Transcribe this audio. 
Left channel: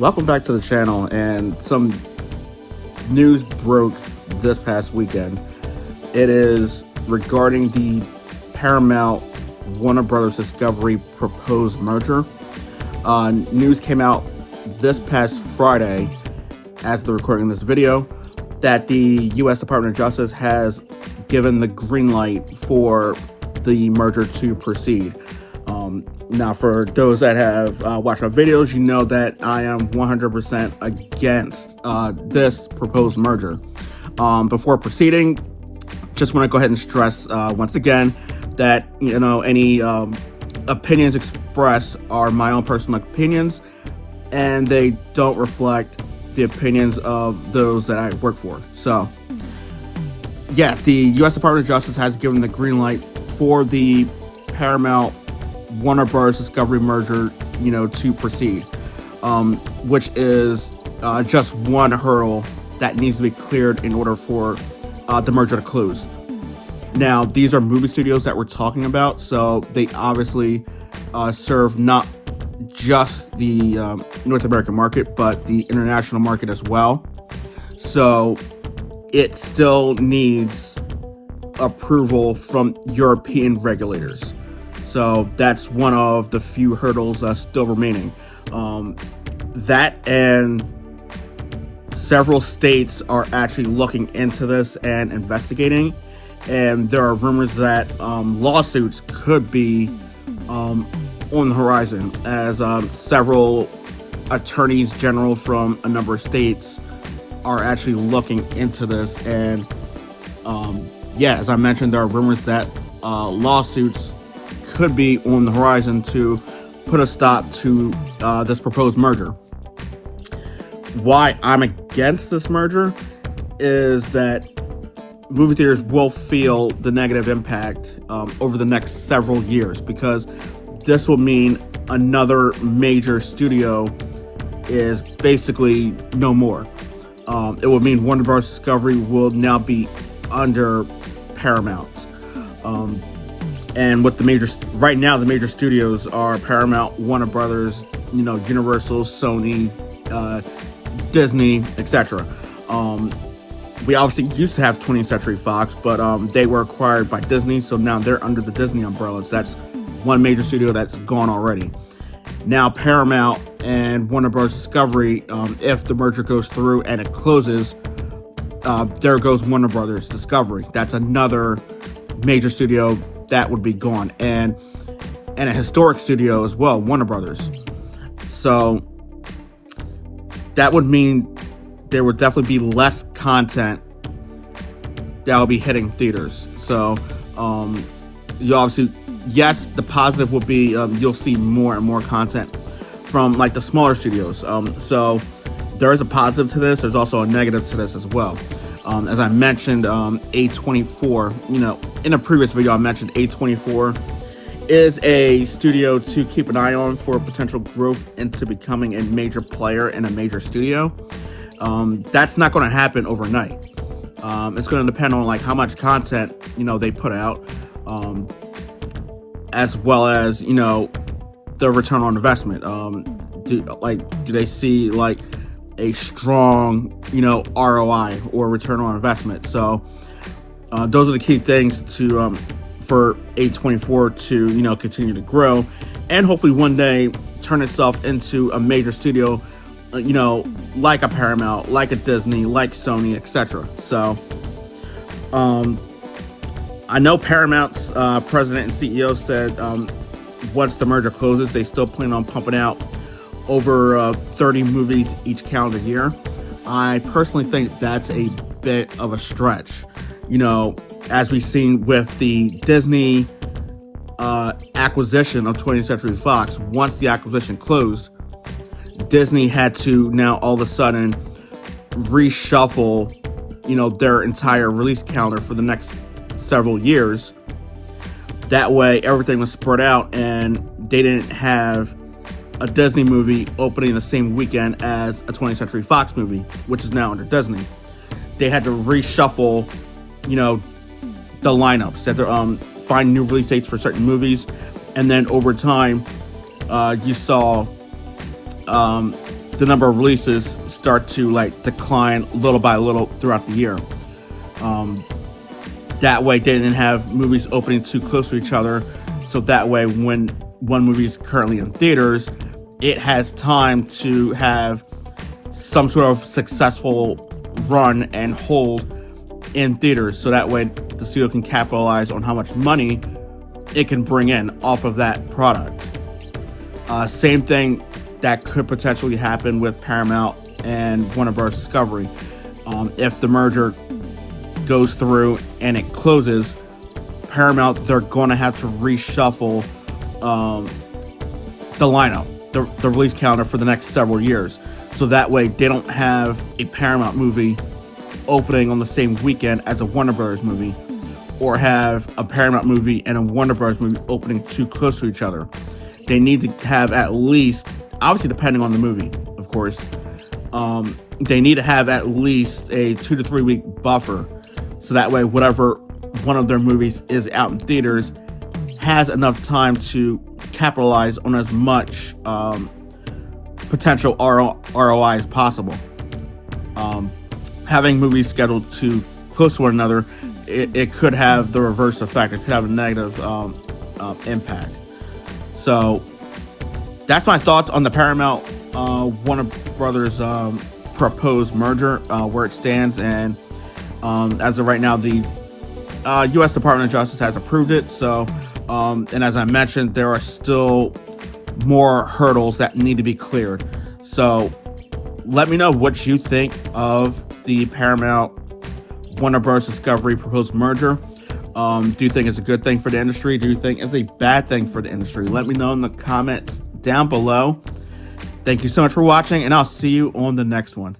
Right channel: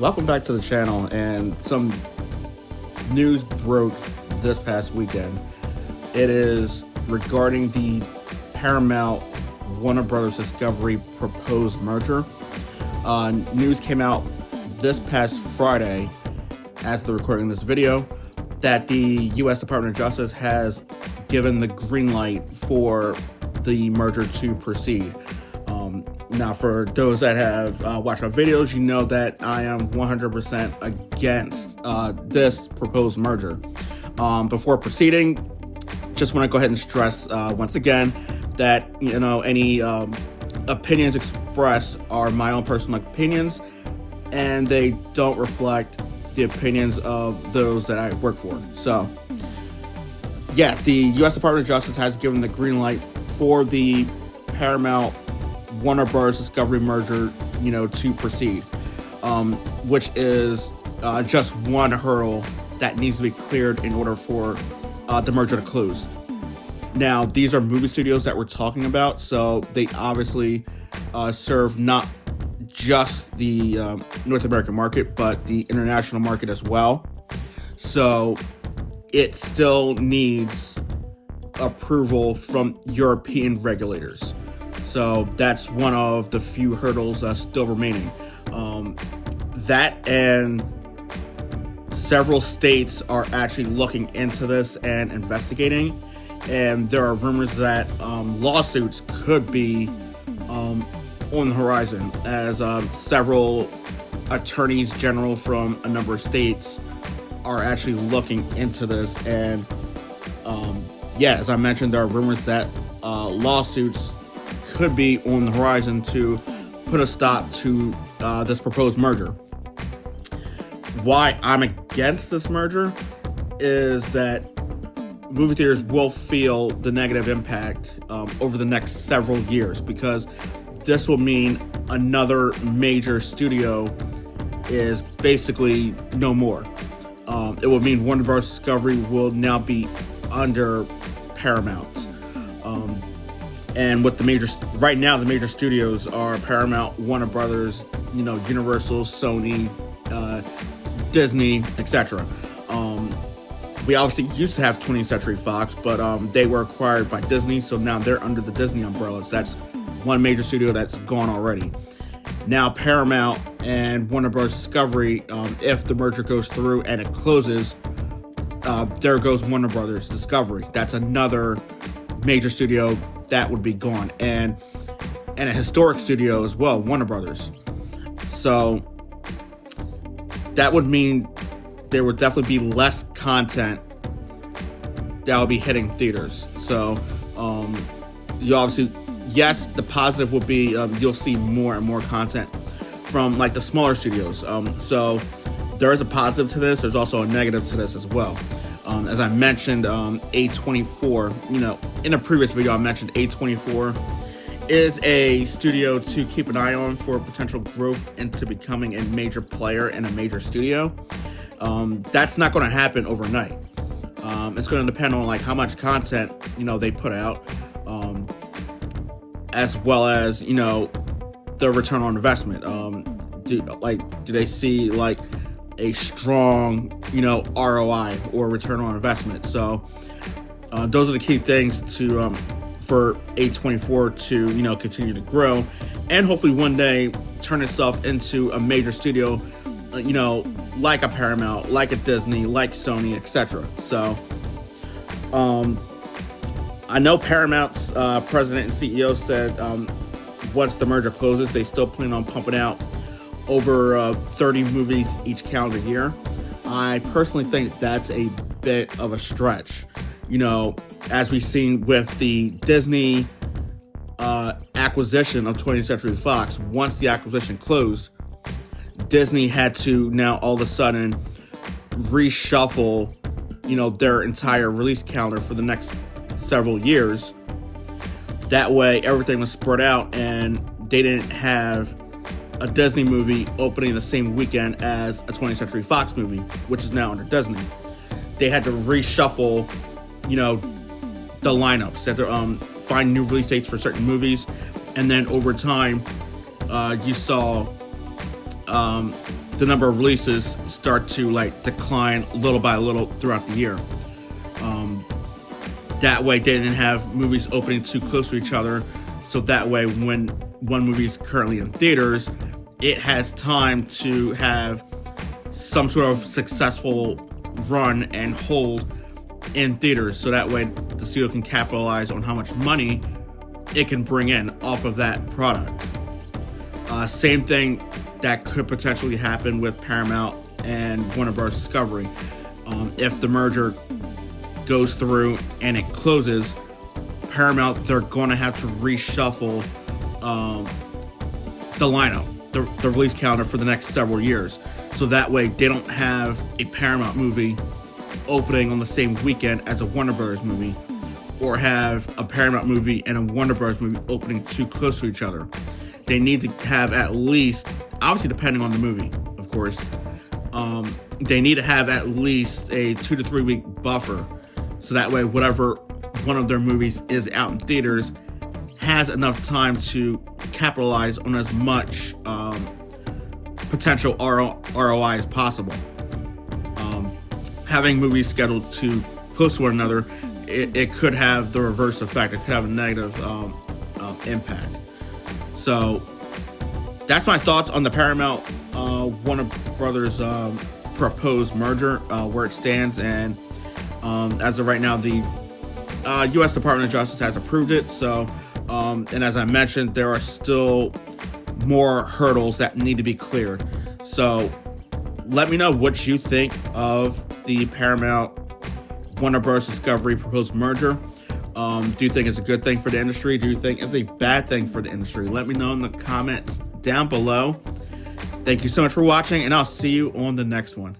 Welcome back to the channel, and some news broke this past weekend. It is regarding the Paramount Warner Brothers Discovery proposed merger. News came out this past Friday, as they're recording this video, that the U.S. Department of Justice has given the green light for the merger to proceed. Now, for those that have watched my videos, you know that I am 100% against this proposed merger. Before proceeding, just want to go ahead and stress once again that any opinions expressed are my own personal opinions, and they don't reflect the opinions of those that I work for. So, yeah, the U.S. Department of Justice has given the green light for the Paramount Warner Bros. Discovery merger, to proceed, which is just one hurdle that needs to be cleared in order for the merger to close. Now, these are movie studios that we're talking about, so they obviously serve not just the North American market, but the international market as well. So it still needs approval from European regulators. So that's one of the few hurdles still remaining. That and several states are actually looking into this and investigating. And there are rumors that lawsuits could be on the horizon, as several attorneys general from a number of states are actually looking into this. And as I mentioned, there are rumors that lawsuits could be on the horizon to put a stop to this proposed merger. Why I'm against this merger is that movie theaters will feel the negative impact over the next several years, because this will mean another major studio is basically no more. It will mean Warner Bros. Discovery will now be under Paramount. And with the major studios are Paramount, Warner Brothers, Universal, Sony, Disney, etc. We obviously used to have 20th Century Fox, but they were acquired by Disney, so now they're under the Disney umbrella. So that's one major studio that's gone already. Now Paramount and Warner Bros. Discovery, if the merger goes through and it closes, there goes Warner Bros. Discovery. That's another major studio that would be gone, and a historic studio as well, Warner Brothers. So that would mean there would definitely be less content that will be hitting theaters. So you obviously, yes, the positive will be you'll see more and more content from like the smaller studios. So there is a positive to this. There's also a negative to this as well. As I mentioned, A24, in a previous video I mentioned A24 is a studio to keep an eye on for potential growth into becoming a major player in a major studio. That's not going to happen overnight. It's going to depend on like how much content, they put out, as well as, the return on investment. Do they see like a strong, ROI or return on investment? So those are the key things to for A24 to continue to grow, and hopefully one day turn itself into a major studio, like a Paramount, like a Disney, like Sony, etc. So I know Paramount's president and CEO said once the merger closes, they still plan on pumping out over 30 movies each calendar year. I personally think that's a bit of a stretch. As we've seen with the Disney acquisition of 20th Century Fox, once the acquisition closed, Disney had to now all of a sudden reshuffle, their entire release calendar for the next several years. That way, everything was spread out, and they didn't have a Disney movie opening the same weekend as a 20th Century Fox movie, which is now under Disney. They had to reshuffle, the lineups. They had to find new release dates for certain movies, and then over time, you saw the number of releases start to like decline little by little throughout the year. That way they didn't have movies opening too close to each other, so that way when one movie is currently in theaters, it has time to have some sort of successful run and hold in theaters, so that way the studio can capitalize on how much money it can bring in off of that product. Same thing that could potentially happen with Paramount and Warner Bros. Discovery. If the merger goes through and it closes, Paramount, they're going to have to reshuffle the lineup, the release calendar for the next several years. So that way they don't have a Paramount movie opening on the same weekend as a Warner Bros. Movie, or have a Paramount movie and a Warner Bros. Movie opening too close to each other. They need to have at least, obviously depending on the movie, of course, they need to have at least a 2 to 3 week buffer. So that way, whatever one of their movies is out in theaters has enough time to capitalize on as much potential ROI as possible. Having movies scheduled too close to one another, it could have the reverse effect. It could have a negative impact. So that's my thoughts on the Paramount Warner Brothers proposed merger, where it stands, and as of right now, the U.S. Department of Justice has approved it. So, and as I mentioned, there are still more hurdles that need to be cleared. So, let me know what you think of the Paramount Warner Bros. Discovery proposed merger. Do you think it's a good thing for the industry? Do you think it's a bad thing for the industry? Let me know in the comments down below. Thank you so much for watching, and I'll see you on the next one.